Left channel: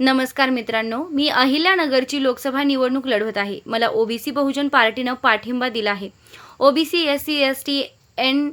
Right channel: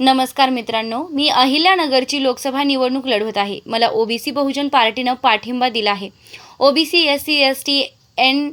नमस्कार मित्रांनो मी अहिल्यानगरची लोकसभा निवडणूक लढवत आहे. मला ओबीसी बहुजन पार्टीनं पाठिंबा दिला आहे. OBC S C S T N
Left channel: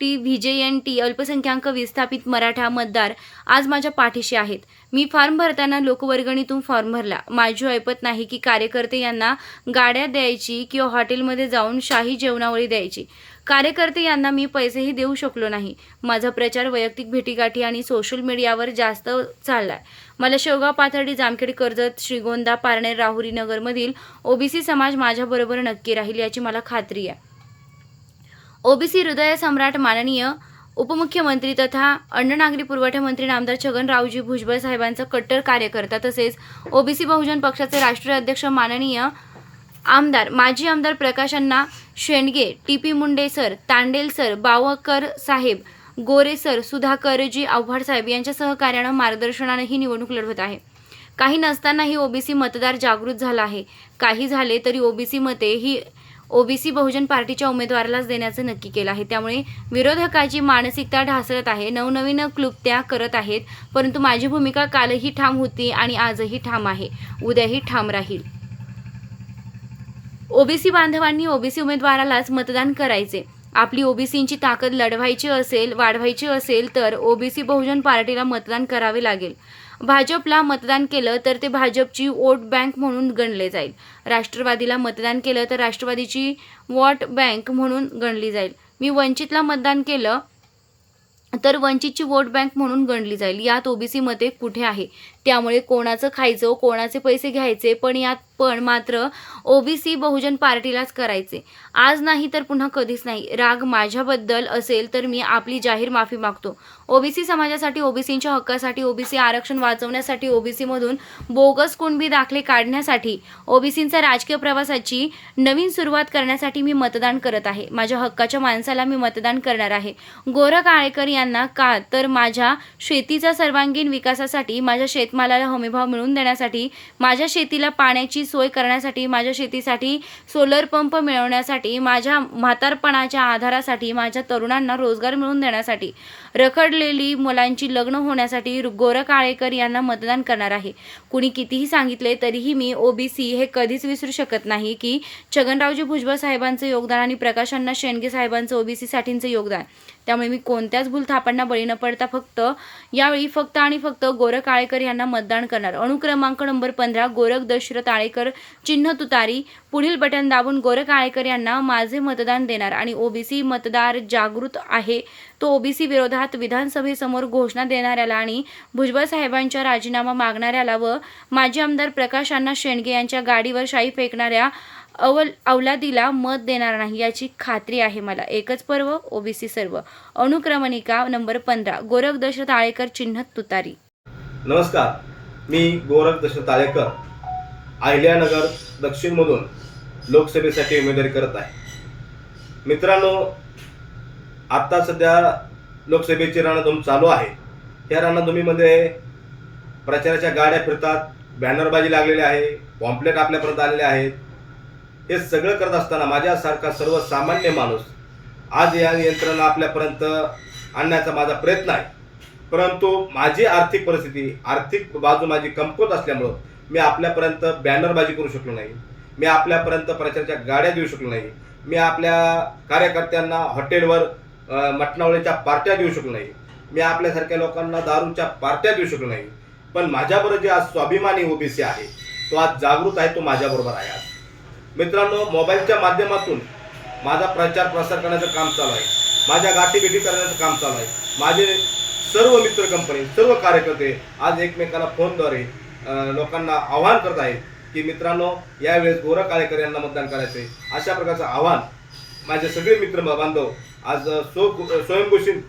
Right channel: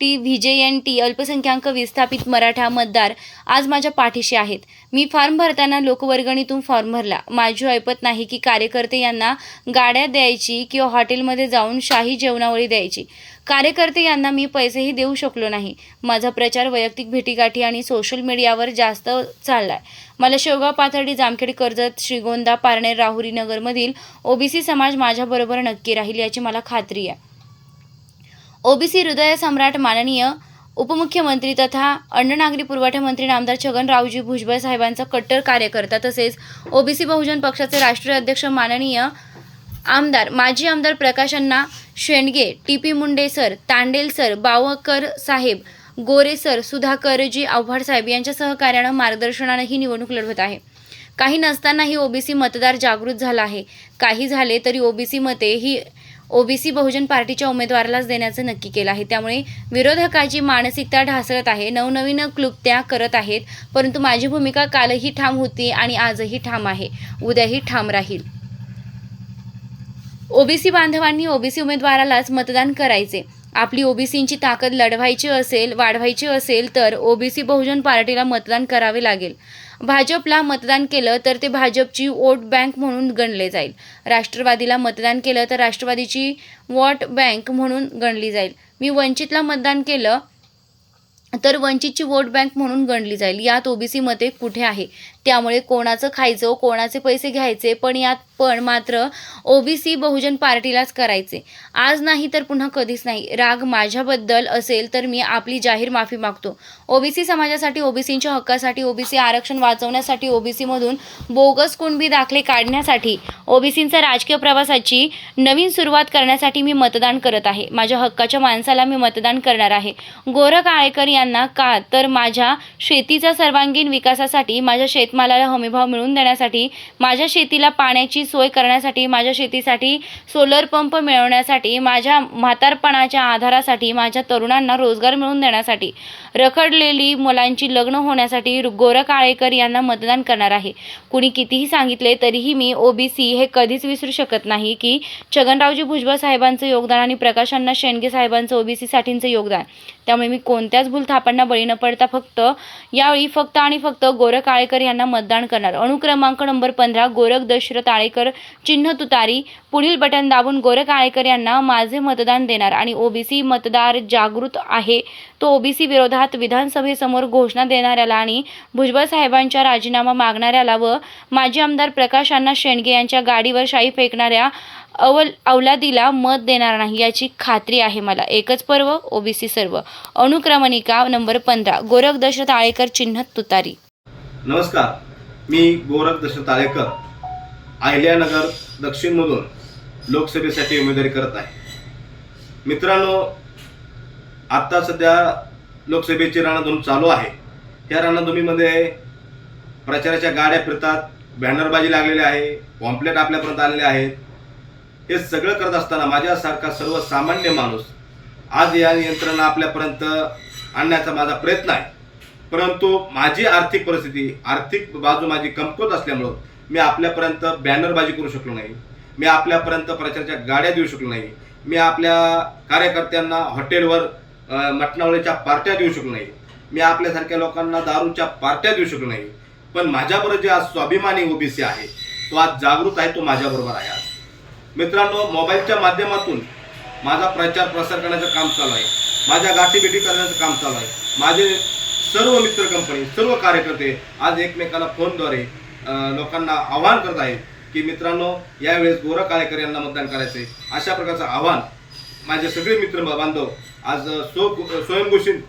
T V J N T अल्पसंख्याक विस्थापित मराठा मतदार आज माझ्या पाठीशी आहेत. मी फॉर्म भरताना लोकवर्गणीतून फॉर्म भरला. माझी ऐपत नाही की कार्यकर्ते यांना गाड्या द्यायची किंवा हॉटेलमध्ये जाऊन शाही जेवणावळी द्यायची. कार्यकर्ते यांना मी पैसेही देऊ शकलो नाही. माझा प्रचार वैयक्तिक भेटीगाठी आणि सोशल मीडियावर जास्त चाललाय. मला शेवगाव पाथर्डी जामखेड कर्जत श्रीगोंदा पारनेर राहुरी नगरमधील ओबीसी समाज माझ्याबरोबर नक्की राहील याची मला खात्री आहे. ओबीसी हृदय सम्राट माननीय उपमुख्यमंत्री तथा अन्न नागरी पुरवठा मंत्री नामदार छगनरावजी भुजबळ साहेबांचा कट्टर कार्यकर्ता तसेच ओबीसी बहुजन पक्षाचे राष्ट्रीय अध्यक्ष माननीय आमदार माजी आमदार प्रकाशांना Shendge T P Munde sir Tandel sir Bavkar साहेब गोरे सर सुधाकरजी आव्हाड साहेब यांच्या सहकार्यानं मार्गदर्शनानं ही निवडणूक लढवत आहे. काही नसतानाही ओबीसी मतदार जागृत झाला आहे. काही झाले तरी ओबीसी मते ही ओबीसी बहुजन पार्टीच्या उमेदवारालाच देण्याचं नक्की केलं आहे. त्यामुळे विरोधकाची मानसिकता ढासळत आहे. नवनवीन क्लुप्त्या करत आहेत. परंतु माझी भूमिका कालही ठाम होती आणि आजही ठाम आहे. उद्याही ठाम राहील. ओबीसी बांधवांनी ओबीसी उमेदवारालाच मतदान करायचे. आपली ओबीसींची ताकद लढवायची असेल वाढवायची असेल तर ओबीसी बहुजन पार्टीला मतदान करावे लागेल. भाजपला मतदान केलं तर ते भाजपची वोट बँक म्हणून गणले जाईल. राष्ट्रवादीला मतदान केलं तर राष्ट्रवादीची वोट बँक म्हणून गणली जाईल. मी वंचितला मतदान केलं तर वंचितची वोट बँक म्हणून गणली जाईल. यात ओबीसी मते कुठे आहे? त्यामुळे कोणाचं खायचं कोणाचे पैसे घ्यायचे पण यात पण मात्र ओबीसी बहुजन पार्टीलाच करायचे. आज नाही तर पुन्हा कधीच नाही. राग माझ्याबद्दल असेल तर मी आपली जाहीर माफी मागतो. ओबीसी समाजासाठी ओबीसींच्या हक्कासाठी ओबीसी आरक्षण वाचवण्यासाठी ओबीसीमधून बोगस कुणबी दाखले काढण्यासाठी ओबीसींचा राजकीय प्रवासाची नवीन सुरुवात करण्यासाठी मी मतदान करत आहे. माझ्या हक्काच्या माणसाला मी मतदान करणार आहे. गोरख आळेकर यांना का? तर माझ्या शेतीचा सर्वांगीण विकासासाठी माझ्या शेत शेतमालाला हमीभाव मिळवून देण्यासाठी माझ्या शेतीला पाण्याची सोय करण्यासाठी माझ्या शेतीसाठी सोलर पंप मिळवण्यासाठी माझ्या म्हातारपणाच्या आधारासाठी माझ्या तरुणांना रोजगार मिळवून देण्यासाठी. रखडलेली मुलांची लग्न होण्यासाठी गोर काळेकर यांना मतदान करणार आहे. कुणी कितीही सांगितले तरीही मी ओबीसी हे कधीच विसरू शकत नाही की छगनरावजी भुजबळ साहेबांचं योगदान आणि प्रकाशांना शेंडगे साहेबांचं ओबीसीसाठींचं योगदान. त्यामुळे मी कोणत्याच भूलथापांना बळी न पडता फक्त यावेळी फक्त आणि फक्त गोरख काळेकर यांना मतदान करणार. अणुक्रमांक नंबर पंधरा गोरख दशरथ आळेकर चिन्ह तुतारी पुढील बटन दाबून गोरख काळेकर यांना माझे मतदान देणार आणि ओबीसी मतदार जागृत आहे. तो ओबीसी विरोधात विधानसभेसमोर घोषणा देणाऱ्याला आणि भुजबळ साहेबांच्या राजीनामा मागणाऱ्याला व माजी आमदार प्रकाश अण्णा शेंडगे यांच्या गाडीवर शाई फेकणाऱ्या अवल अवलादीला मत देणार नाही याची खात्री आहे मला. एकच पर्व ओबीसी सर्व. अनुक्रमणिका नंबर पंधरा गोरख दशरथ आळेकर चिन्ह तुतारी. नमस्कार मी गोरख दशरथ आळेकर अहिल्यानगर दक्षिणमधून लोकसभेसाठी उमेदवारी करत आहे. मित्रांनो आत्ता सध्या लोकसभेची रणधूम चालू आहे. त्या रणधुमीमध्ये प्रचाराच्या गाड्या फिरतात बॅनरबाजी लागलेली आहे पॉम्पलेट आपल्यापर्यंत आलेले आहेत. हे सगळं करत असताना माझ्यासारखा सर्वसामान्य माणूस आज या यंत्रणा आपल्यापर्यंत आणण्याचा माझा प्रयत्न आहे. परंतु माझी आर्थिक परिस्थिती आर्थिक बाजू माझी कमकुवत असल्यामुळं मी आपल्यापर्यंत बॅनरबाजी करू शकलो नाही. मी आपल्यापर्यंत प्रचाराच्या गाड्या देऊ शकलो नाही. मी आपल्या कार्यकर्त्यांना हॉटेलवर मटणावळीच्या पार्ट्या देऊ शकलो नाही. मी आपल्यासारख्या लोकांना दारूच्या पार्ट्या देऊ शकलो नाही. पण माझ्याबरोबर जे आज स्वाभिमानी ओबीसी आहे तो आज जागृत आहे तो माझ्याबरोबर आहे आज. मित्रांनो मोबाईलच्या माध्यमातून माझा प्रचार प्रसार करण्याचं काम चालू आहे. माझ्या गाठीभेटी करण्याचं काम चालू आहे. माझे सर्व मित्र कंपनी सर्व कार्यकर्ते आज एकमेकाला फोनद्वारे लोकांना आवाहन करत आहेत की मित्रांनो यावेळेस गोरा काळेकर यांना मतदान करायचं आहे अशा प्रकारचं आव्हान माझे सगळे मित्र बांधव आज स्व स्वयंघोषित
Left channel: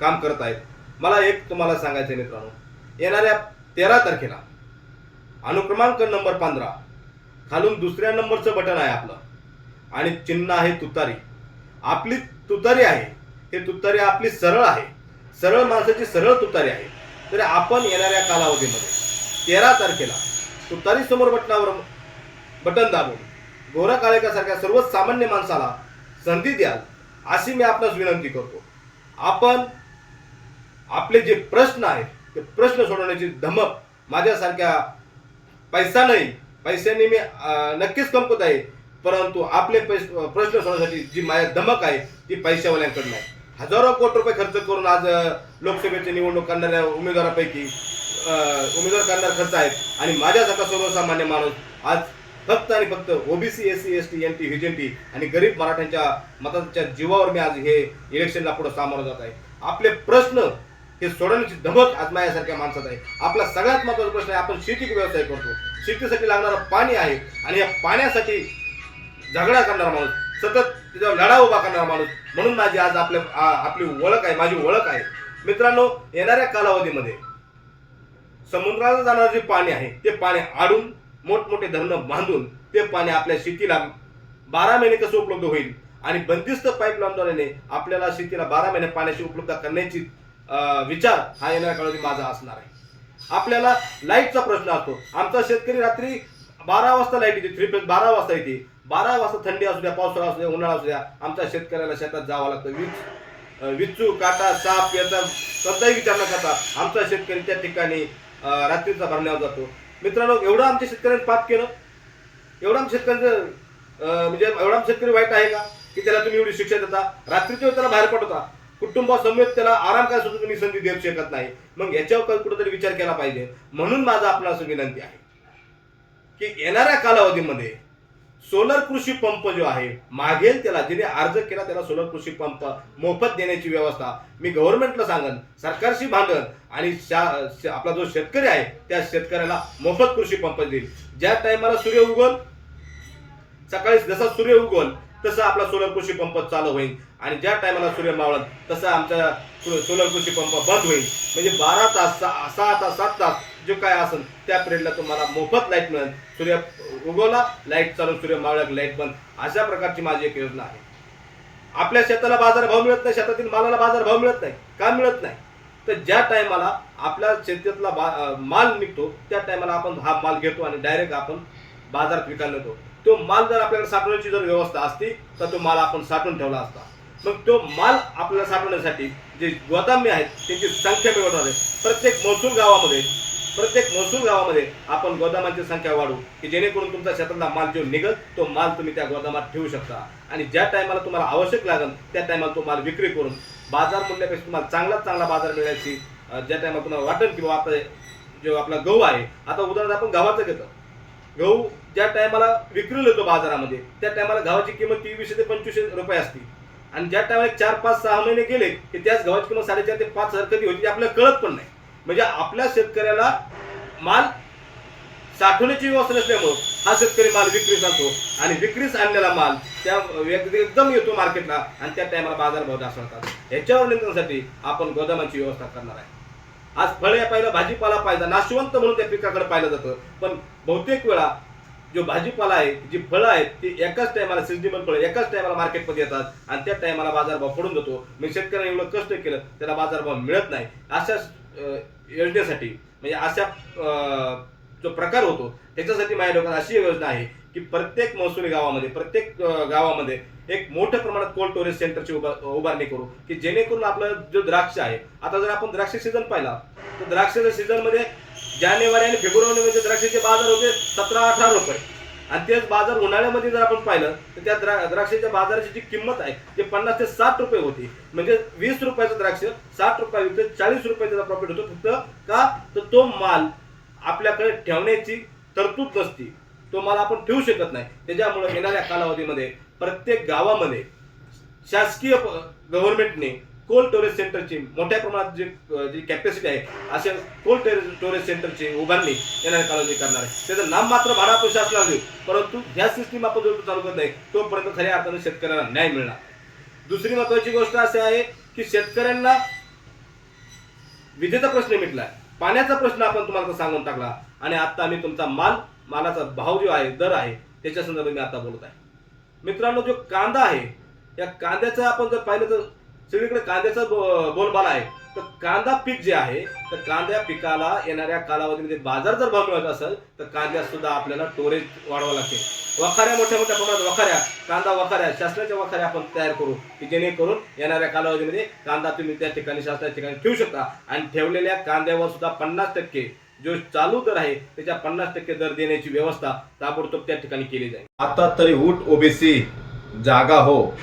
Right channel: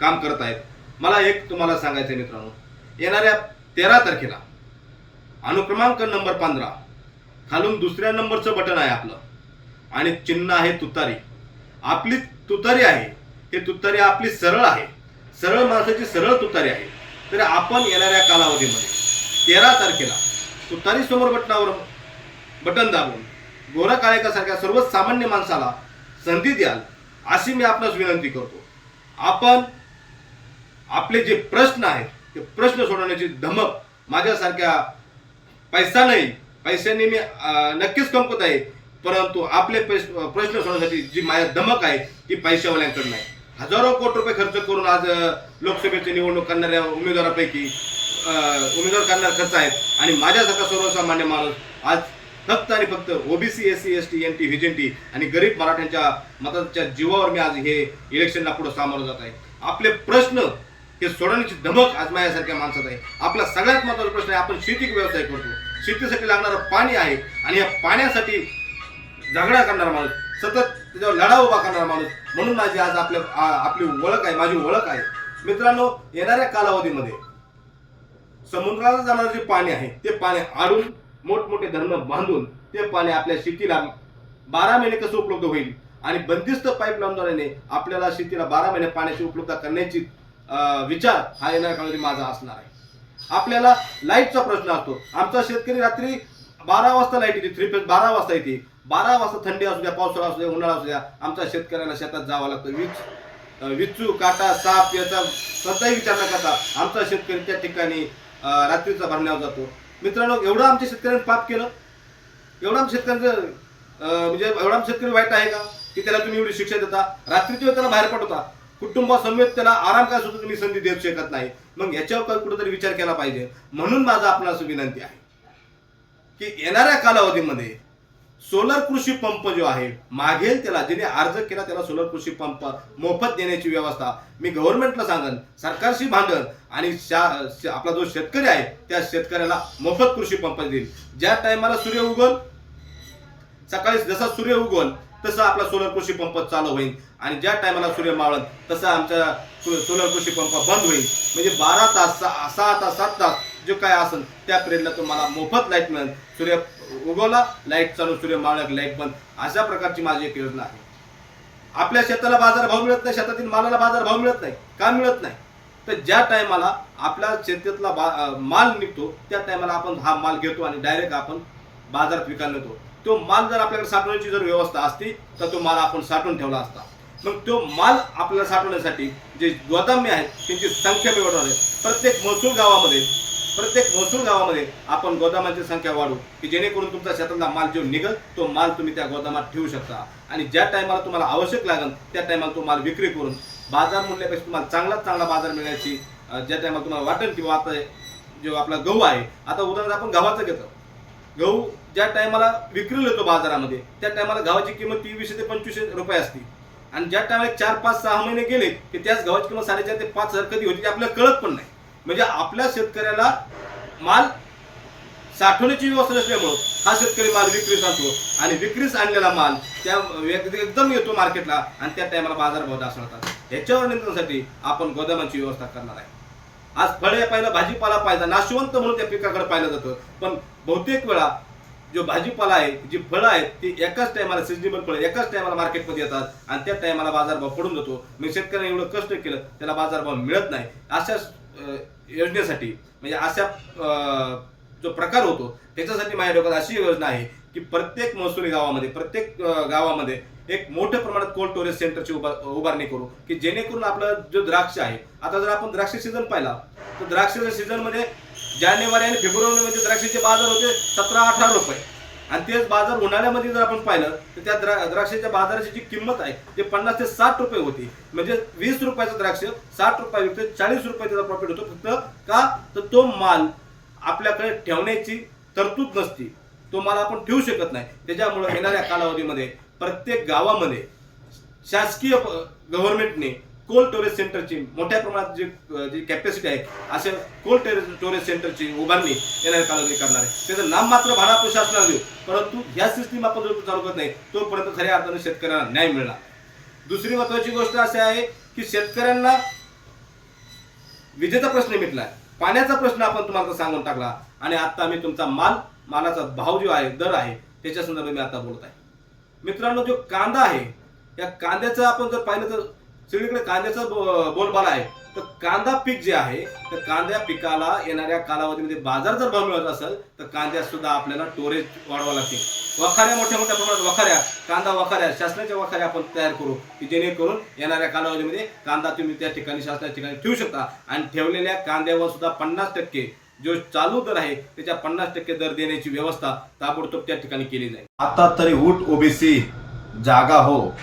काम करत आहेत. मला एक तुम्हाला सांगायचं आहे मित्रांनो. येणाऱ्या तेरा तारखेला अनुक्रमांक नंबर पंधरा खालून दुसऱ्या नंबरचं बटन आहे आपलं. आणि चिन्ह आहे तुतारी. आपली तुतारी आहे. हे तुतारी आपली सरळ आहे. सरळ माणसाची सरळ तुतारी आहे. तर आपण येणाऱ्या कालावधीमध्ये तेरा तारखेला तुतारी समोर बटनावर बटन दाबून गोरा काळेकासारख्या सर्वसामान्य माणसाला संधी द्याल अशी मी आपणास विनंती करतो. आपण आपले जे प्रश्न आहेत ते प्रश्न सोडवण्याची धमक माझ्यासारख्या पैसा नाही पैशाने मी नक्कीच कमवत आहे परंतु आपले प्रश्न सोडवण्यासाठी जी माझ्या धमक आहे ती पैशावाल्यांकडे नाही. हजारो कोटी रुपये खर्च करून आज लोकसभेची निवडणूक करणाऱ्या उमेदवारापैकी उमेदवार करणारे खर्च आहेत आणि माझ्यासारखा सर्वसामान्य माणूस आज फक्त आणि फक्त OBC S C S T N T vision आणि गरीब मराठ्यांच्या मताच्या जीवावर मी आज हे इलेक्शनला पुढे सामोरं जात आहे. आपले प्रश्न हे सोडवण्याची धमक आज माझ्यासारख्या माणसात आहे. आपला सगळ्यात महत्त्वाचा प्रश्न आहे आपण शेती व्यवसाय करतो. शेतीसाठी लागणारं पाणी आहे आणि या पाण्यासाठी झगडा करणारा माणूस सतत त्याच्यावर लढा उभा करणारा माणूस म्हणून माझी आज आपल्या आपली ओळख आहे माझी ओळख आहे. मित्रांनो येणाऱ्या कालावधीमध्ये समुद्राला जाणारं जे पाणी आहे ते पाणी आडून मोठमोठे धरणं बांधून ते पाणी आपल्या शेतीला बारा महिने कसं उपलब्ध होईल? आणि बंदिस्त पाईपलाईनद्वारे आपल्याला शेतीला बारा महिने पाण्याची उपलब्धता करण्याची विचार हा येणाऱ्या काळामध्ये माझा असणार आहे. आपल्याला लाईटचा प्रश्न असतो. आमचा शेतकरी रात्री बारा वाजता लाइट येते थ्री फेज बारा वाजता येते. बारा वाजता थंडी असू द्या पावसाळा असू द्या उन्हाळा असू द्या आमच्या शेतकऱ्याला शेतात जावं लागतं. वीज विचू काटा साप याचा कोणताही विचार न करता आमचा शेतकरी त्या ठिकाणी रात्रीचा भरण्यावर जातो. मित्रांनो एवढं आमच्या शेतकऱ्यांनी पाप केलं. एवढं आमच्या शेतकऱ्यांचं म्हणजे एवढा आमचा शेतकरी वाईट आहे का? की त्याला तुम्ही एवढी शिक्षा देता. रात्रीच्या वेळी त्याला बाहेर पाठवता. कुटुंबासमवेत त्याला आराम काय सुद्धा तुम्ही संधी देऊ शकत नाही. मग याच्यावर कुठेतरी विचार केला पाहिजे. म्हणून माझा आपणास विनंती आहे की येणाऱ्या कालावधीमध्ये सोलर कृषी पंप जो आहे मागेल त्याला ज्याने अर्ज केला त्याला सोलर कृषी पंप मोफत देण्याची व्यवस्था. मी गव्हर्नमेंटला सांगन सरकारशी भांडन आणि शा- आपला जो शेतकरी आहे त्या शेतकऱ्याला मोफत कृषी पंप देईल. ज्या टायमाला सूर्य उगल सकाळी जसा सूर्य उगवल तसं आपला सोलर कृषी पंप चालू होईल. आणि ज्या टायमाला सूर्य मावळत तसा आमचा सो- सोलर कृषी पंप बंद होईल. म्हणजे बारा तास सहा सहा तास सात तास जे काय असेल त्या पिरियडला तुम्हाला मोफत लाइट मिळेल. सूर्य उगवला लाइट चालू सूर्य मावळला लाइट बंद. अशा प्रकारची माझी एक योजना आहे. आपल्या शेताला बाजार भाव मिळत नाही शेतातील मालाला बाजार भाव मिळत नाही का मिळत नाही? तर ज्या टायमाला आपल्या शेतीतला बा माल निघतो त्या टायमाला आपण हा माल घेतो आणि डायरेक्ट आपण बाजारात विकायला नेतो तो माल जर आपल्याकडे साठवण्याची जर व्यवस्था असती तर तो माल आपण साठवून ठेवला असता. मग तो माल आपल्याला साठवण्यासाठी जे गोदामे आहेत त्यांची संख्या मिळवणार आहे प्रत्येक महसूल गावामध्ये प्रत्येक महसूल गावामध्ये आपण गोदामांची संख्या वाढवू की जेणेकरून तुमचा शेतातला माल जो निघल तो माल तुम्ही त्या गोदामात ठेवू शकता. आणि ज्या टायमाला तुम्हाला आवश्यक लागेल त्या टायमाला तो माल विक्री करून बाजार मूल्यापेक्षा तुम्हाला चांगलाच चांगला बाजार मिळण्याची ज्या टायमाला तुम्हाला वाटेल की बाबा आता जो आपला गहू आहे आता उदाहरण आपण गव्हाचं घेतो. गहू ज्या टायमाला विक्री येतो बाजारामध्ये त्या टायमाला गव्हाची किंमत तेवीसशे ते पंचवीसशे रुपये असते. आणि ज्या टायमाला चार पाच सहा महिने गेले की त्याच गव्हाची किंमत साडेचार ते पाच हजार कधी होती ते आपल्याला कळत पण नाही. म्हणजे आपल्या शेतकऱ्याला माल साठवण्याची व्यवस्था नसल्यामुळं हा शेतकरी माल विक्रीस आणतो आणि विक्रीस आणलेला माल त्या व्यक्ती एकदम येतो मार्केटला आणि त्या टायमाला बाजारभाव ढासळतात याच्यावर नियंत्रणासाठी आपण गोदामाची व्यवस्था करणार आहे. आज फळे पाहिलं भाजीपाला पाहिजे नाशवंत म्हणून त्या पिकाकडे पाहिलं जातं. पण बहुतेक वेळा जो भाजीपाला आहे जी फळं आहेत ती एकाच टायमाला सिजनेबल फळं एकाच टायमाला मार्केटमध्ये येतात आणि त्या टायमाला बाजारभाव पडून जातो. मग शेतकऱ्याने एवढं कष्ट केलं त्याला बाजारभाव मिळत नाही. अशा योजनेसाठी. म्हणजे अशा जो प्रकार होतो त्याच्यासाठी माझ्या डोक्यात अशी योजना आहे की प्रत्येक महसुली गावामध्ये प्रत्येक गावामध्ये एक मोठ्या प्रमाणात कोल्ड स्टोरेज सेंटरची उभा उभारणी करू. की जेणेकरून आपलं जो द्राक्ष आहे आता जर आपण द्राक्ष सीझन पाहिला तर द्राक्षाच्या सीझनमध्ये जानेवारी आणि फेब्रुवारीमध्ये द्राक्षाचे बाजार होते सतरा अठरा रुपये. आणि तेच बाजार उन्हाळ्यामध्ये जर आपण पाहिलं तर त्या द्रा द्राक्षाच्या बाजाराची जी किंमत आहे ते पन्नास ते साठ रुपये होती. म्हणजे वीस रुपयाचं द्राक्ष साठ रुपये विकतं चाळीस रुपये त्याचा प्रॉफिट होतो. फक्त का? तर तो माल आपल्याकडे ठेवण्याची तरतूद नसती. तो माल आपण ठेवू शकत नाही. त्याच्यामुळे येणाऱ्या कालावधीमध्ये प्रत्येक गावामध्ये शासकीय गव्हर्नमेंटने कोल्ड स्टोरेज सेंटरची मोठ्या प्रमाणात जी जी कॅपॅसिटी आहे असे कोल्ड स्टोरेज सेंटरची उभारणी येणाऱ्या कालावधी करणार आहे. त्याचं नाम मात्र भाडा आपण देऊ. परंतु ह्या सिस्टीम आपण जोपर्यंत चालू करत नाही तोपर्यंत खऱ्या अर्थाने शेतकऱ्यांना न्याय मिळणार दुसरी महत्वाची गोष्ट अशी आहे की शेतकऱ्यांना विजेचा प्रश्न मिटला पाण्याचा प्रश्न आपण तुम्हाला सांगून टाकला. आणि आता मी तुमचा माल मालाचा भाव जो आहे दर आहे त्याच्या संदर्भात मी आता बोलत आहे. मित्रांनो जो कांदा आहे या कांद्याचं आपण जर पाहिलं तर सगळीकडे कांद्याचा बोलबाला आहे. तर कांदा पीक जे आहे तर कांद्या पिकाला येणाऱ्या कालावधीमध्ये बाजार जर भाव मिळत असेल तर कांद्यात सुद्धा आपल्याला स्टोरेज वाढवावं लागते वखाऱ्या मोठ्या मोठ्या प्रमाणात वखाऱ्या कांदा वखाऱ्या शासनाच्या वखाऱ्या आपण तयार करू की जेणेकरून येणाऱ्या कालावधीमध्ये कांदा तुम्ही त्या ठिकाणी शासनाच्या ठिकाणी ठेवू शकता. आणि ठेवलेल्या कांद्यावर सुद्धा पन्नास टक्के जो चालू दर आहे त्याच्या पन्नास टक्के दर देण्याची व्यवस्था ताबडतोब त्या ठिकाणी केली जाईल. आता तरी उठ ओबीसी जागा हो.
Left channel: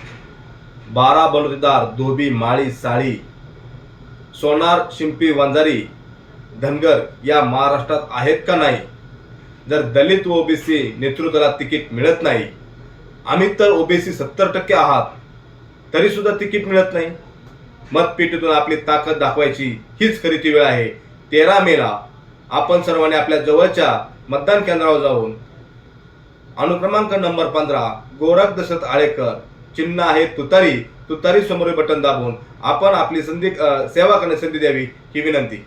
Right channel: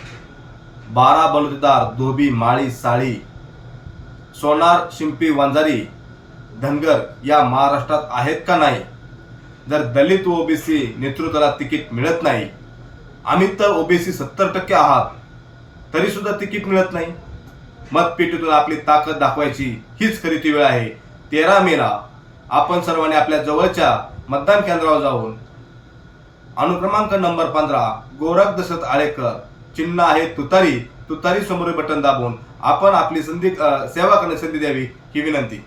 बारा बलुतेदार धोबी माळी साळी सोनार शिंपी वंजारी धनगर या महाराष्ट्रात आहेत का नाही? जर दलित व ओबीसी नेतृत्वाला तिकीट मिळत नाही आम्ही तर ओबीसी सत्तर टक्के आहात तरी सुद्धा तिकीट मिळत नाही. मतपेटीतून आपली ताकद दाखवायची हीच खरी ती वेळ आहे. तेरा मेला आपण सर्वांनी आपल्या जवळच्या मतदान केंद्रावर जाऊन अनुक्रमांक नंबर पंधरा गोरख दशरथ आळेकर चिन्ह आहे तुतारी. तुतारी समोरील बटन दाबून आपण आपली संधी सेवा करण्याची संधी द्यावी ही विनंती.